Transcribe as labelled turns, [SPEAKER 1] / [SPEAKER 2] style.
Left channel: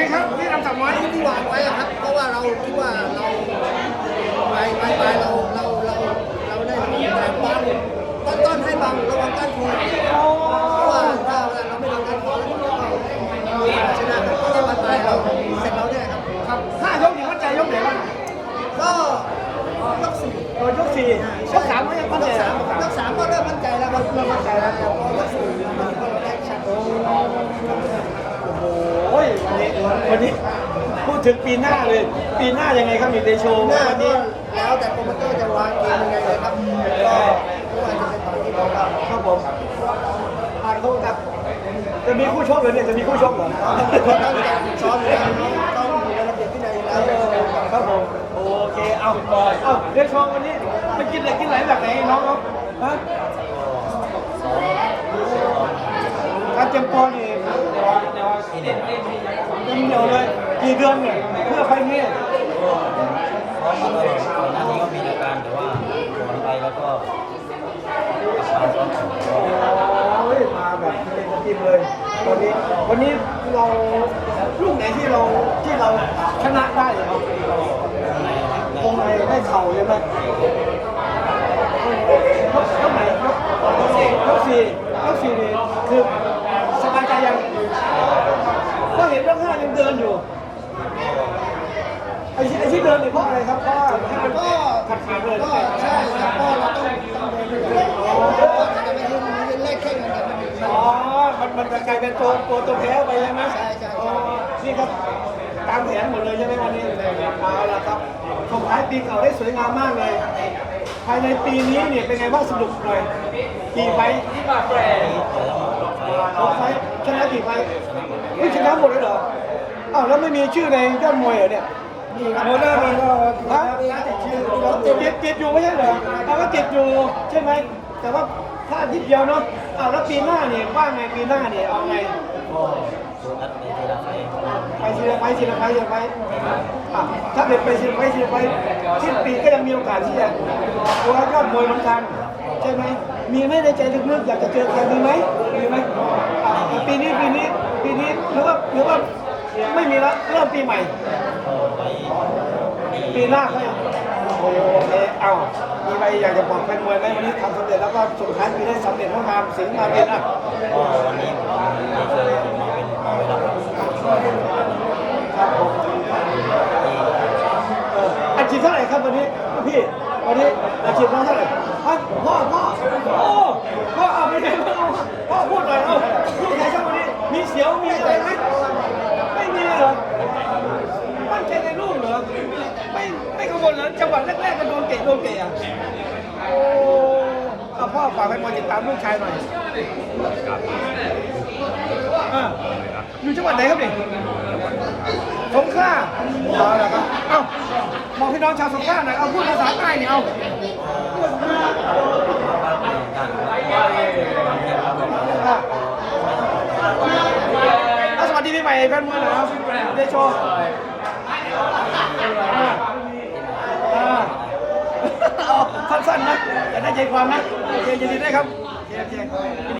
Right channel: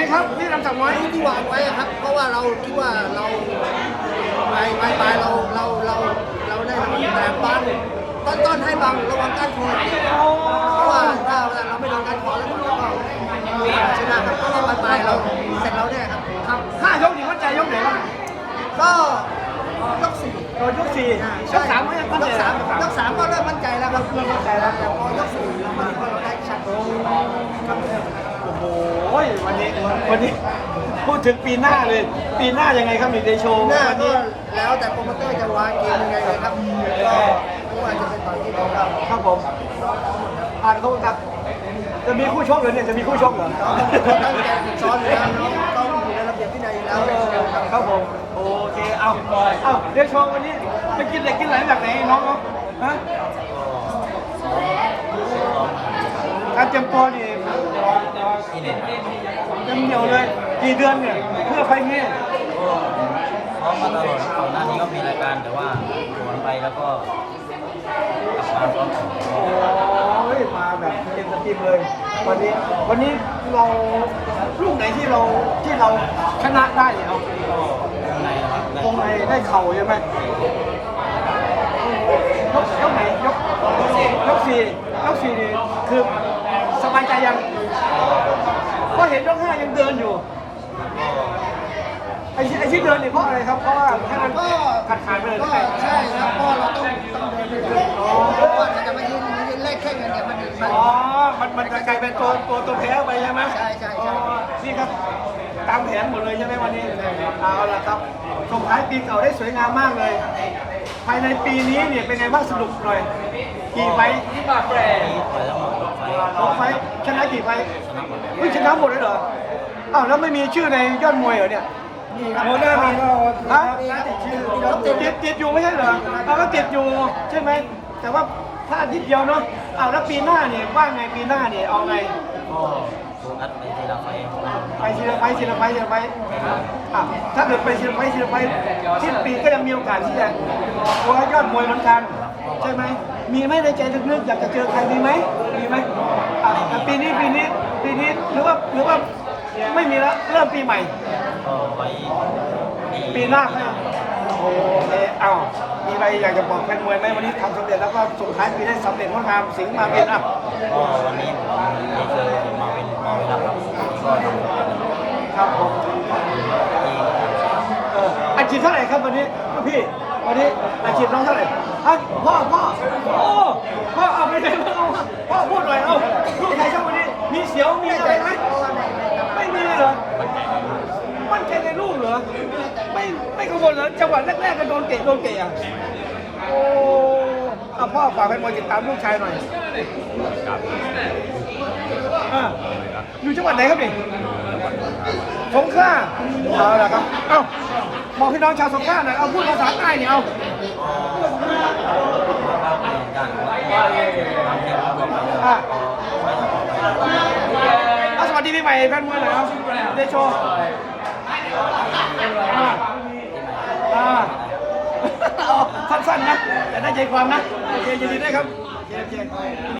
[SPEAKER 1] ครับที่ทำสามน้อย
[SPEAKER 2] ที่วางไว้ครับ เพราะว่าเราคิดว่าเราไปเราได้นอนแต่บางต้นให้บางระวังการคอเพราะว่าถ้าเราไม่โดนการคอแล้วก็ชนะครับเพราะว่าปลายเราเสร็จเราแน่ครับ
[SPEAKER 1] ครับ5 ยกนี่มั่นใจยกไหนบ้าง
[SPEAKER 2] ก็ยก 4
[SPEAKER 1] ยก 4ยก 3ก็ยังมั่นใจ
[SPEAKER 2] ยก 3ก็เริ่มมั่นใจแล้วครับเริ่มมั่นใจแล้วแต่พอยก 4เรามั่นใจว่าเราได้ชัดครับ
[SPEAKER 1] โอ้โหวันนี้พูดถึงปีหน้าเลยปีหน้ายังไงครับมีเดโช
[SPEAKER 2] หน้าก็แล้วแต่โปรโมเตอร์จะวางเกมยังไงเลยครับก็ไม่ว่าจะเป็นต่อยที่ไหนก็
[SPEAKER 1] ครับผมผ่านเขาครับจะมีคู่ชกหรือเนี่ยจะมีคู่ชกเหรอ
[SPEAKER 2] น้องเขาตั้งใจฝึกซ้อมอยู่แล้วน้องเขาอยู่ในระเบียบวินัยแล้ว
[SPEAKER 1] ครับผมโอเคเอาเดโชวันนี้ไปกินเหล็กกินไหลจากไหนน้องฮะการเตรียมตัวนี่เต็มเดียวเลยกี่เดือนเนี่ยเพื่อไฟนี้
[SPEAKER 3] ซ้อมมาตลอดครับก่อนหน้านี้ก็มีรายการแต่ว่าถอนไปแล้วก็กลับมาซ้อม
[SPEAKER 1] โอ้ยมาแบบเต็มสตรีมเลย วันนี้เราลูกไหนที่เราชนะได้เนี่ยเอา
[SPEAKER 3] วงในนะครับ
[SPEAKER 1] วงในได้เข่าใช่ไหมยกไหนยก 4นี่คือสบายใจยังเพราะเห็นยก 5ยังเดินอยู่ไอ้ที่เดินนี่เพราะอะไรครับเพราะว่าถ้ามัน
[SPEAKER 2] ก็
[SPEAKER 1] ขาดไปเลย
[SPEAKER 2] ใช่ครับเพราะเราต้องเดินไปเลยเพราะว่าจะมายืนแลกแข่งกันเนี่ย
[SPEAKER 1] มันจะกลายเป็นตัวแพ้ไปใช่ไหม
[SPEAKER 2] ใช่
[SPEAKER 1] นี่ครับตามแผนหมดเลยใช่ไหมวันนี้เอาละครับส่งท้ายปีเก่าได้สวยงามมากเลยภายในปีนี้เนี่ยเป็นไงบ้างสรุปหน่อยกี่ไฟ
[SPEAKER 3] ต่อยทั้งหมด6 ไฟ
[SPEAKER 1] ชนะกี่ไฟชนะหมดเลยเหรออ้าวแล้วไม่มีชื่อในยอดมวยเหรอเนี่ย
[SPEAKER 2] โมน่ามี
[SPEAKER 1] นะติดอยู่ไม่ใช่เหรอก็ติดอยู่ใช่ไหมแต่ว่าพลาดนิดเดียวเนาะอ้าวแล้วปีหน้าเนี่ยว่าไงปีหน้าเนี่ยเอาไง
[SPEAKER 3] ก็โฟกัสไปทีละไฟ
[SPEAKER 1] ทีละไฟถ้าเกิดไปทีละไฟสิ้นปีก็ยังมีโอกาสที่จะโค้ชยอดมวยเหมือนกันใช่ไหมมีไหมในใจลึกๆอยากจะเจอใครมีไหมแต่ปีนี้หรือว่าไม่มีละเริ่มปีใหม่
[SPEAKER 3] ก็ไว้
[SPEAKER 1] ปีหน้าก็โอเคเอามีอะไรอยากจะบอกแฟนมวยไหมวันนี้ทำสำเร็จแล้วก็ส่งท้ายปีได้สำเร็จงดงามสิงห์มาเป็น
[SPEAKER 3] ก็วันนี้ผมได้เจอมาเป็นรับก็
[SPEAKER 1] ครับผมอาชีพเท่าไหร่ครับวันนี้พี่วันนี้อาชีพน้องเท่าไหร่ฮะพ่อเอาไม่ได้พ่อพูดหน่อยลูกใครครับวันนี้มีเสียวมีอะไรไหมไม่มีเลยเหรอมั่นใจในลูกเหรอไม่กังวลเหรอจังหวะแรกๆก็โดนเตะอ่ะโอ้พ่อฝากให้มาติดตามลูกชายหน่อยครับอยู่จังหวัดไหนครับนี่สงขลาเอาละครับบอกพี่น้องชาวสงขลาหน่อยเอาพูดภาษาใต้เนี่ยเอา
[SPEAKER 3] บ้างเป็นของการน้ำเทียมก็ไปแล้วใช้ต่อไป
[SPEAKER 1] สวัสดีพี่ใหม่แฟนมวยหน่อยเดโชสั้นๆนะจะได้ใจความนะโอเคยินดีได้ครับโอเค